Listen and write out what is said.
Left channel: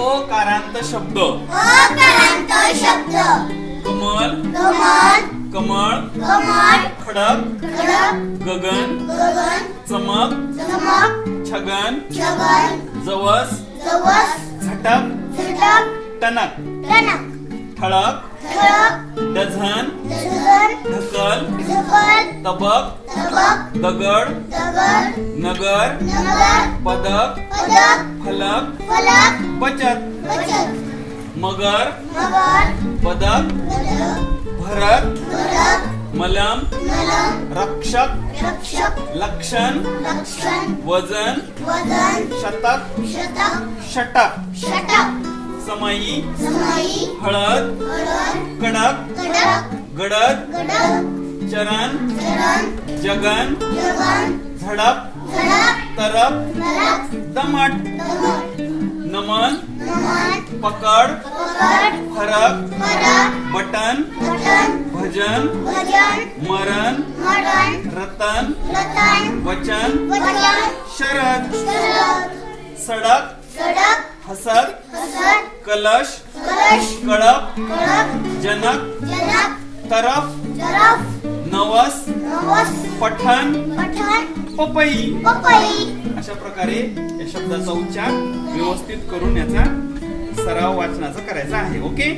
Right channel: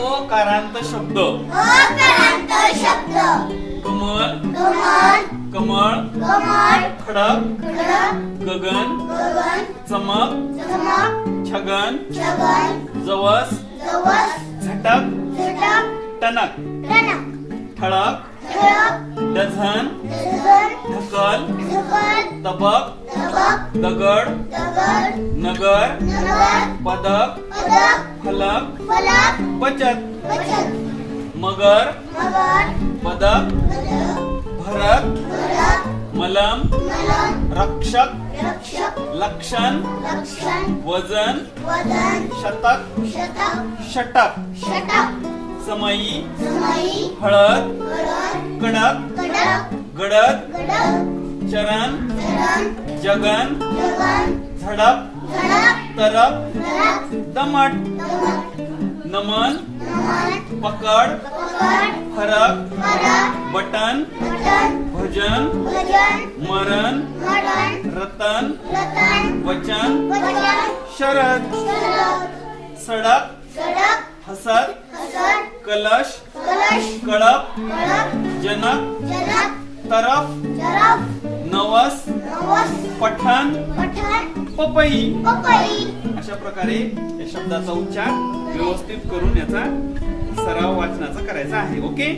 ओकारांत शब्द कमल कमळ खडक गगन चमक छगन जवस झटक टणक ठळक डझन ढकल तबक दगड नगर पदक फलक बचत मगर पदक भरत मलम रक्षक लक्षण वजन शतक षटक समयी हळद कडक गडद चरण जगन झडप तरप दमट नमन पकड फरक बटन भजन मरण रतन वचन शरद सडक हसत कलश कळप जनक तरफ नवस पठण पपई अशा प्रकारे या शब्दाचा उच्चार व्यवस्थित करून याचा सराव वाचनाचा करायचा आहे. ओके.